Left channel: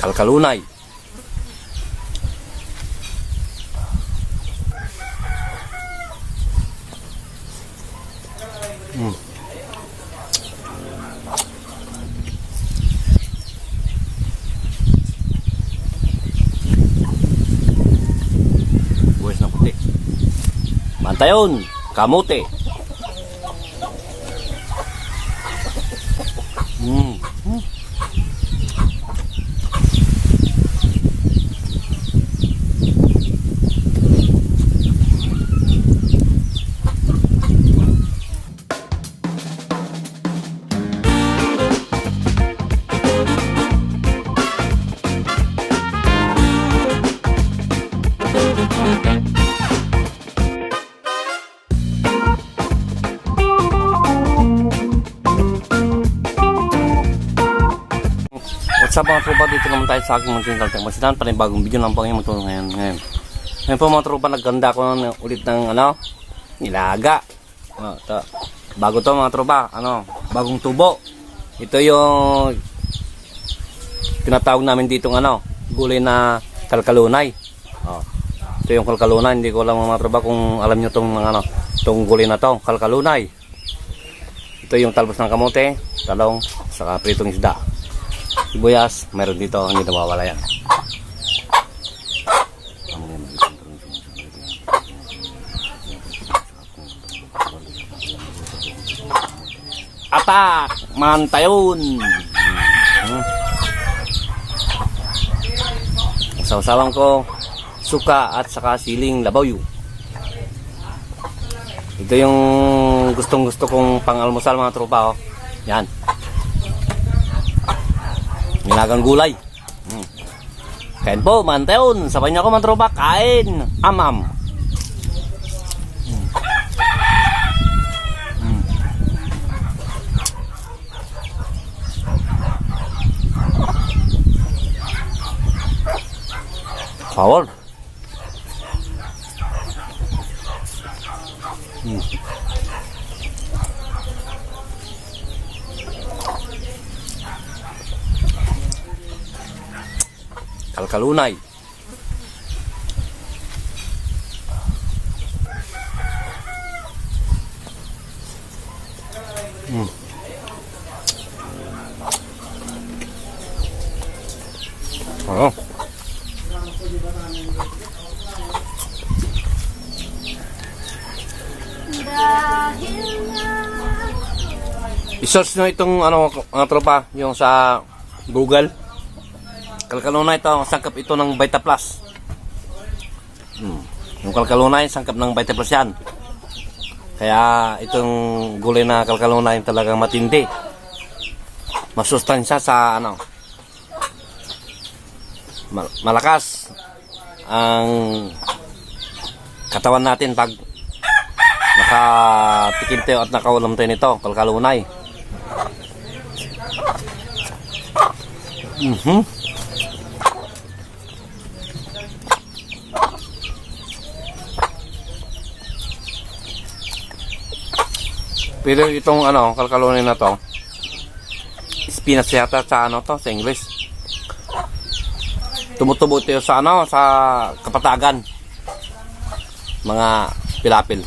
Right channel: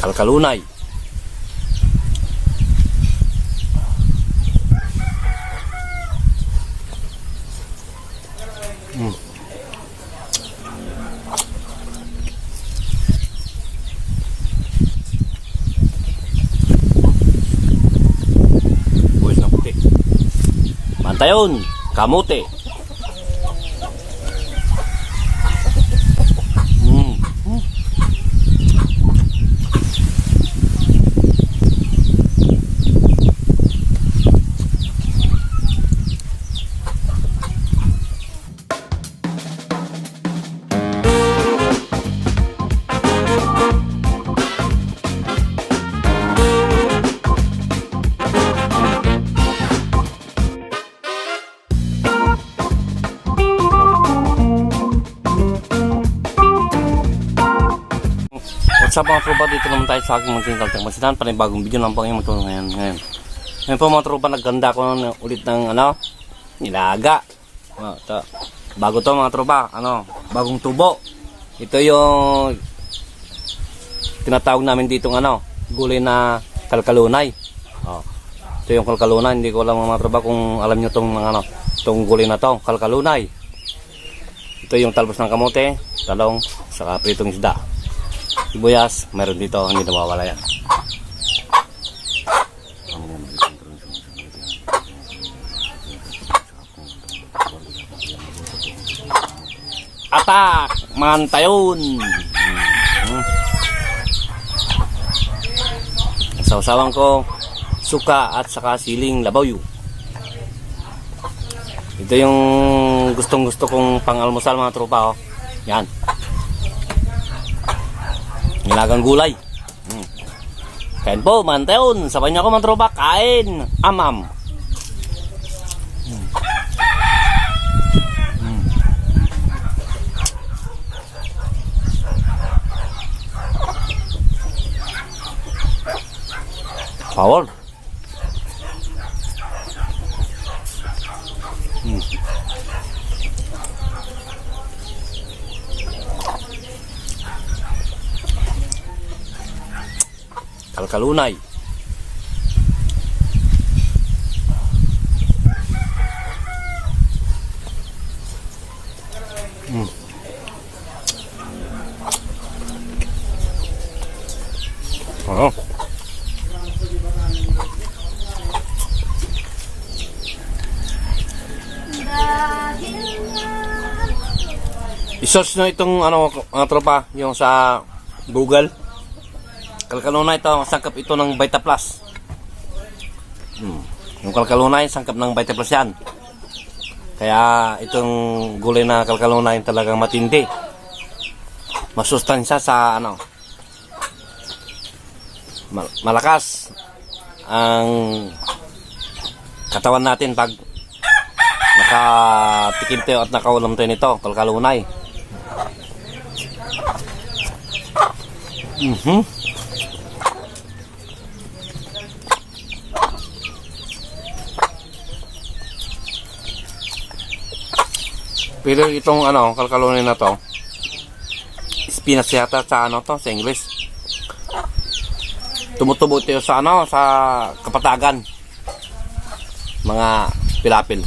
kalkalunay. Buwis na puti. Bantayon, kamote. What's up mga tropa, dito naman tayo sa aking munting kaltang panibagong video lang po ngayon magtulong ngayon po mga tropa, nagganda ko ulit ng nilaga. Bago to mga tropa, bagong tubo. Ito yung tinatawag namin ditong gulay na kalkalunay. Ito yung kalkalunay, hindi ko alam mga tropa kung alam nyo tong gulay na to, kalkalunay. Ito yung talbos ng kamote, talong, saka pritong isda. Sibuyas, meron dito, hindi nawawala yan. Atak! Mantayon! Sausawan ko suka at saka siling labaw. Ito yung gustong gusto kong pang-almusal mga tropa. Yan. Nilagang gulay. Kain po, mantayon. Sabay niyo ako mga tropa. Kain. Amam. Power. Kalkalunay. I-search nyo itong tropa, yung sa Google. Kalkalunay ito, sangkap ito ng Vita Plus. Yung kalkalunay, sangkap ng Vita Plus yan. Kaya itong gulay na kalkalunay talagang matindi. Masustansya sa malakas ang katawan natin pag nakatikim tayo at nakaulam tayo nito, kalkalunay. Pero itong kalkalunay na to, spinach yata sa sa English. Tumutubo ito sa sa kapatagan. Mga pilapil.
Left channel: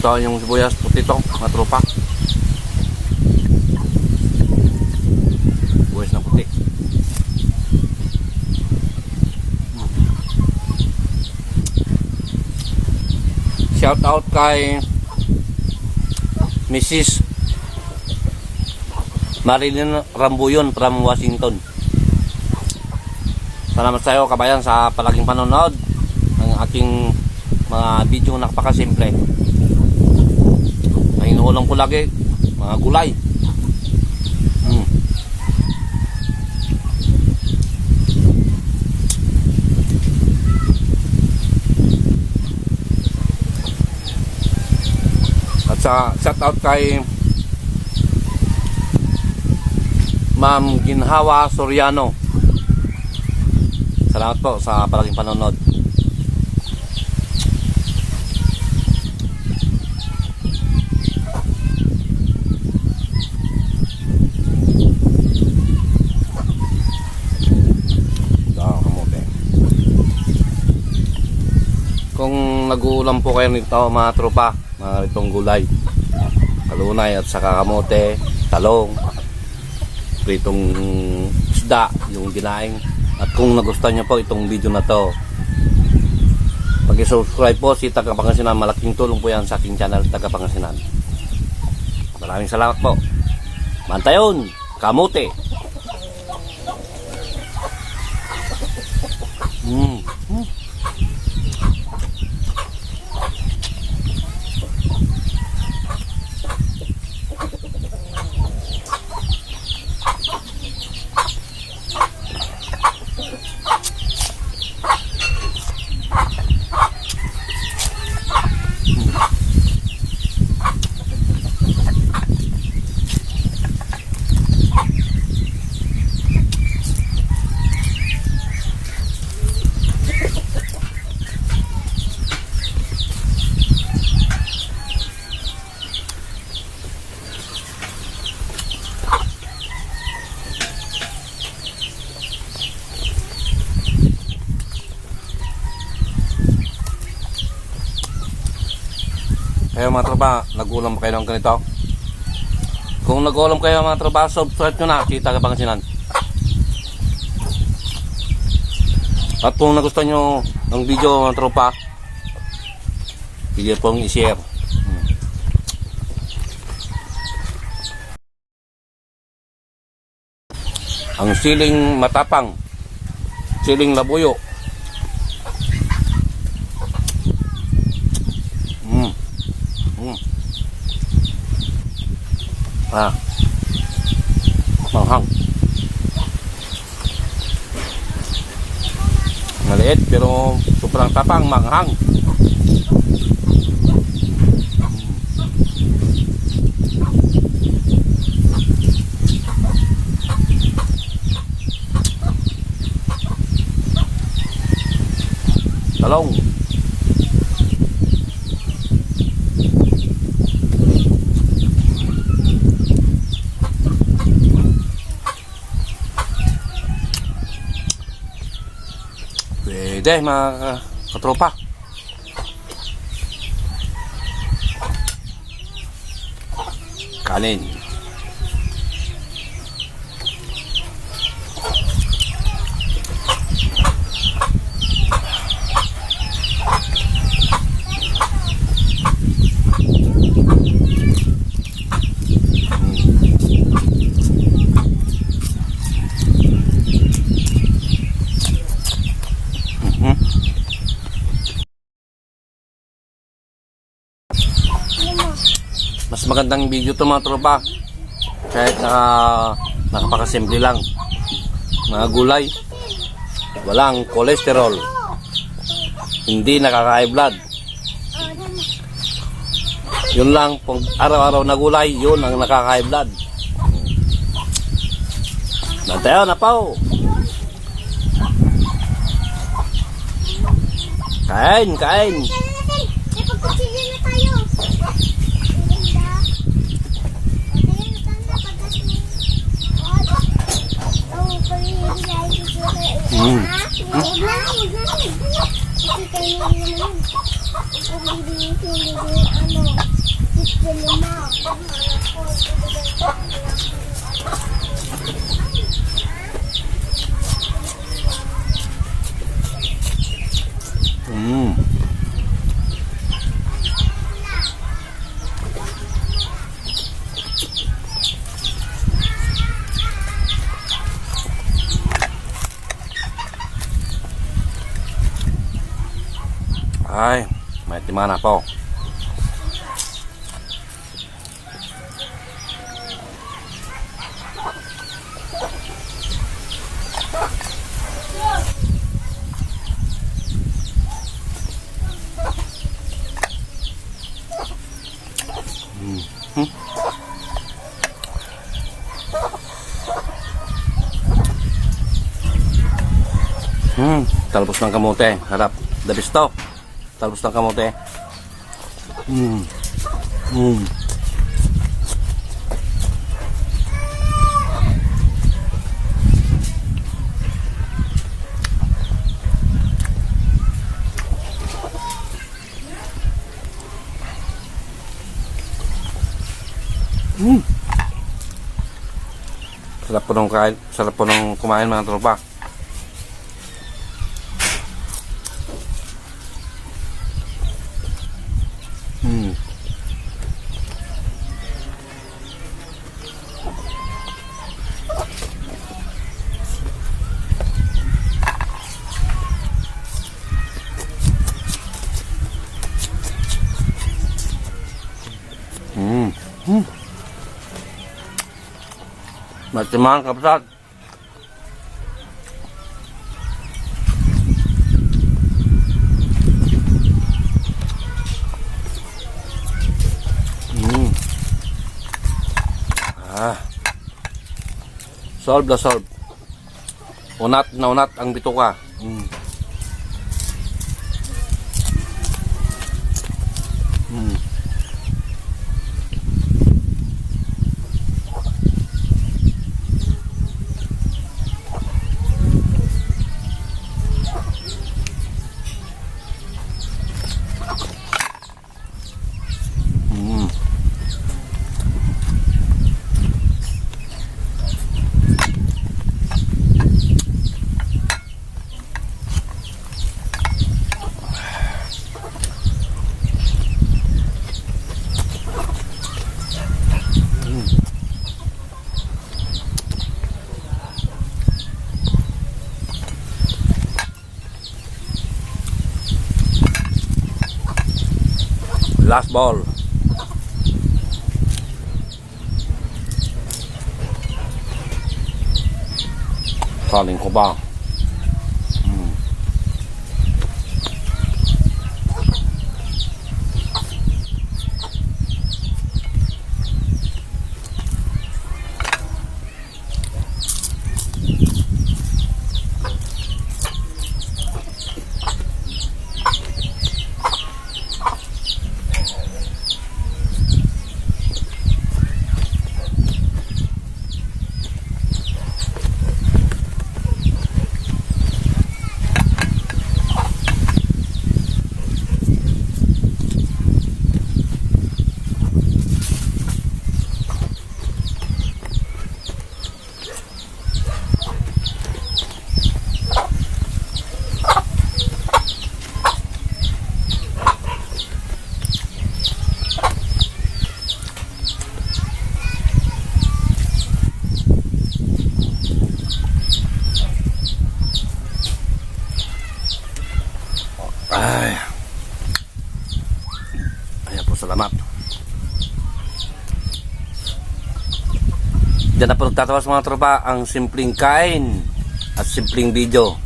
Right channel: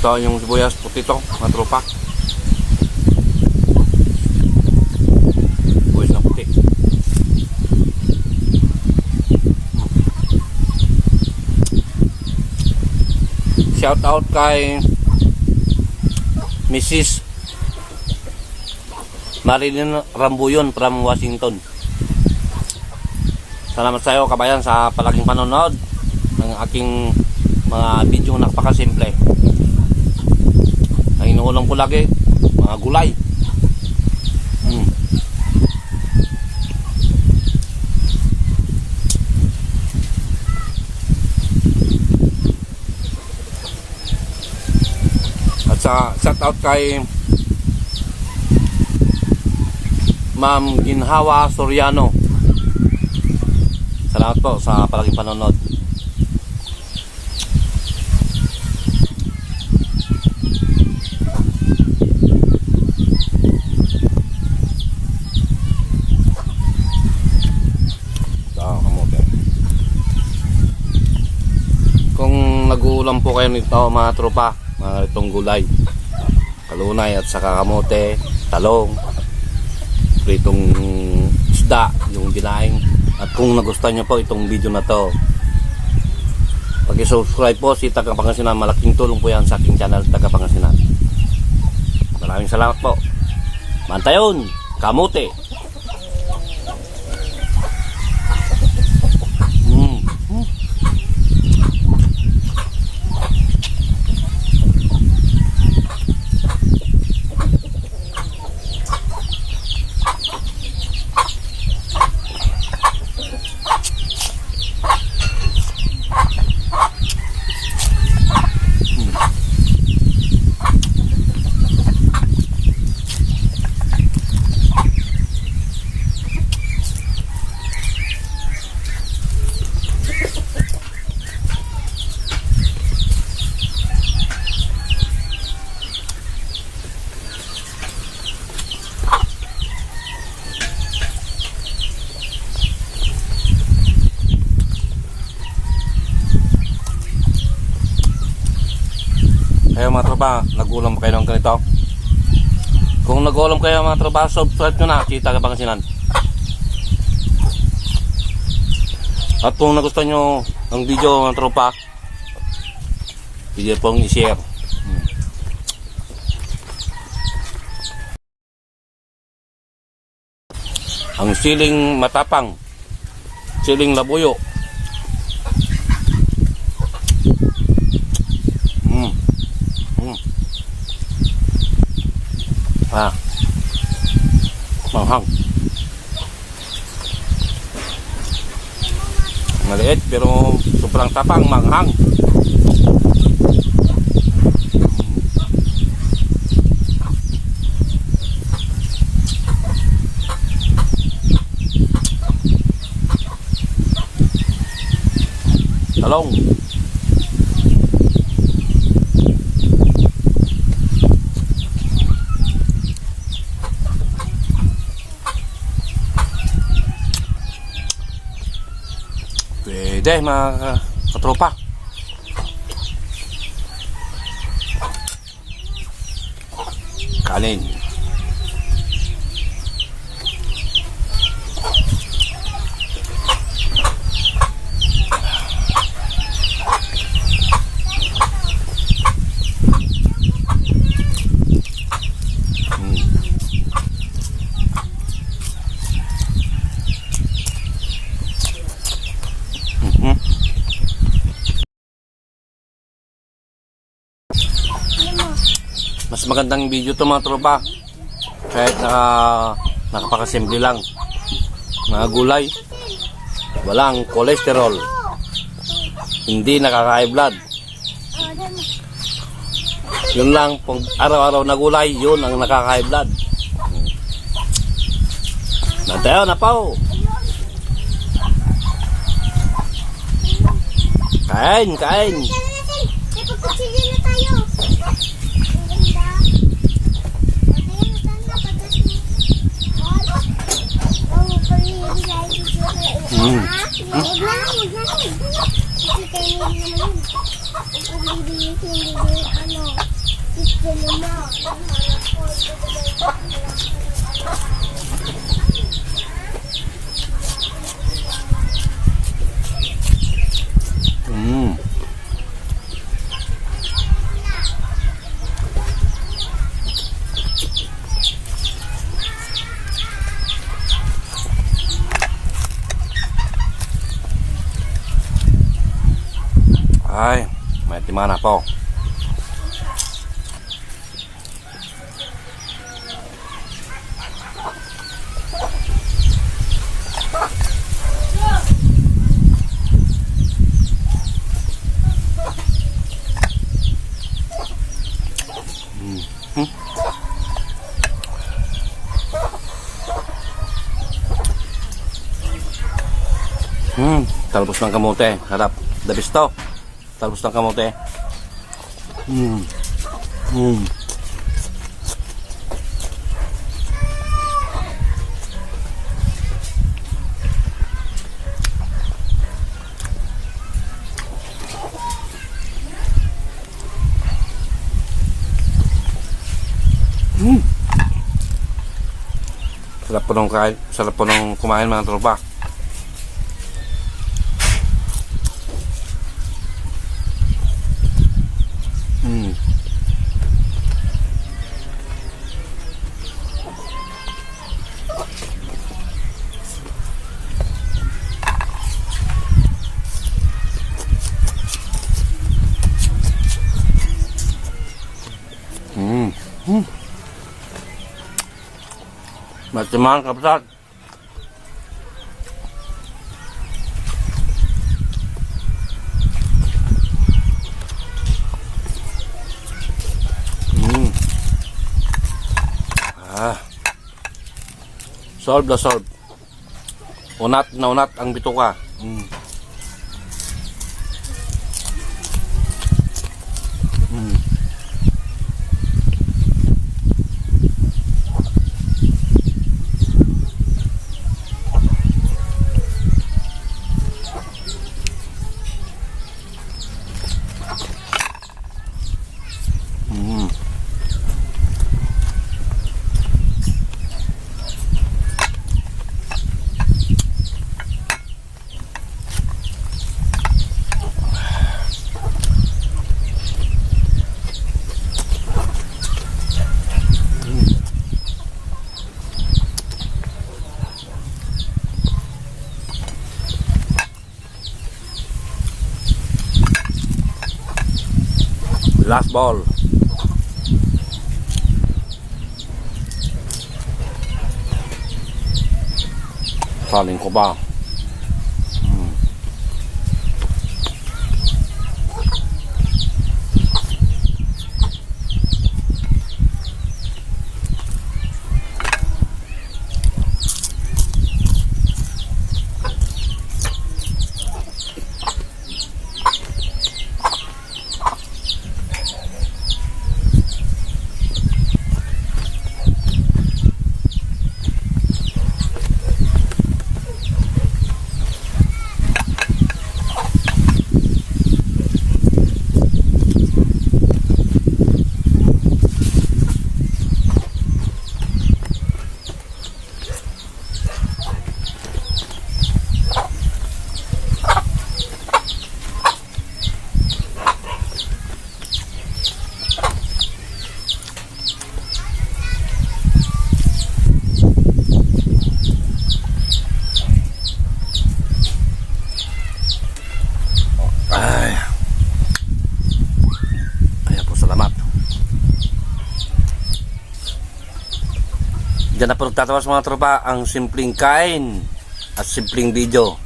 Ito yung sibuyas puti to, mga tropa. Sibuyas na puti. Shout out kay Mrs. Marilyn Rambuyon from Washington. Salamat sa iyo kabayan sa palaging panonood ng aking mga video na napakasimple. Ang inuulam ko lagi, mga gulay. At Sa shout out kay Ma'am Ginhawa Soriano. Salamat po sa palaging panonood. Kamote. Kung nag-uulam po kayo nito mga tropa, mga itong gulay, kalunay at saka kamote, talong, itong isda, yung dinaing. At kung nagustuhan nyo po itong video na to, pag-subscribe po si Taga Pangasinan. Malaking tulong po yan sa aking channel Taga Pangasinan. Maraming salamat po. Mantayon, kamote. Kaya mga tropa, nag-ulam ba kayo ng ganito? Kung nag-ulam kayo mga tropa, subscribe nyo na si Taga Pangasinan. At kung nagustuhan nyo ang video mga tropa, pwede pong i-share. Ang siling matapang, siling labuyo. Manghang. Maliit pero sobrang tapang, manghang. Talong. Pwede mga katropa. Kanin. Mas magandang video to mga tropa, kahit nakapakasimple lang. Mga gulay, walang kolesterol, hindi nakaka-high blood. Yun lang, pag araw-araw na gulay, yun ang nakaka-high blood. Nantayo na po. Kain, kain. Ipagpapigil na tayo. Ay, may timana po. Talbos ng kamote. Harap. The best to. Talbos ng kamote. Sarap po nung kumain mga tropa. Matimangan kapsat. Solve na solve. Unat na unat ang bituka. Last ball. Kanin ko ba? Ay. Kaya po salamat. Diyan na po nagtatawas mga tropa ang simpleng kain at simpleng video.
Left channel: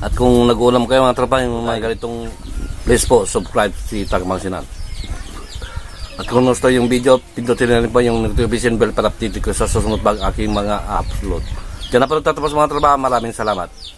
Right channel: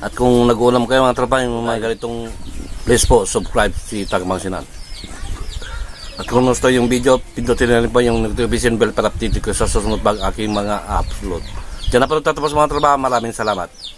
At kung nag-ulam kayo mga tropa yung mga ganitong, please po subscribe si Tagmang Sinan. At kung gusto yung video, pindutin na rin po yung notification bell para update ko sa susunod pag aking mga upload. Diyan na po nagtatawas mga tropa. Maraming salamat.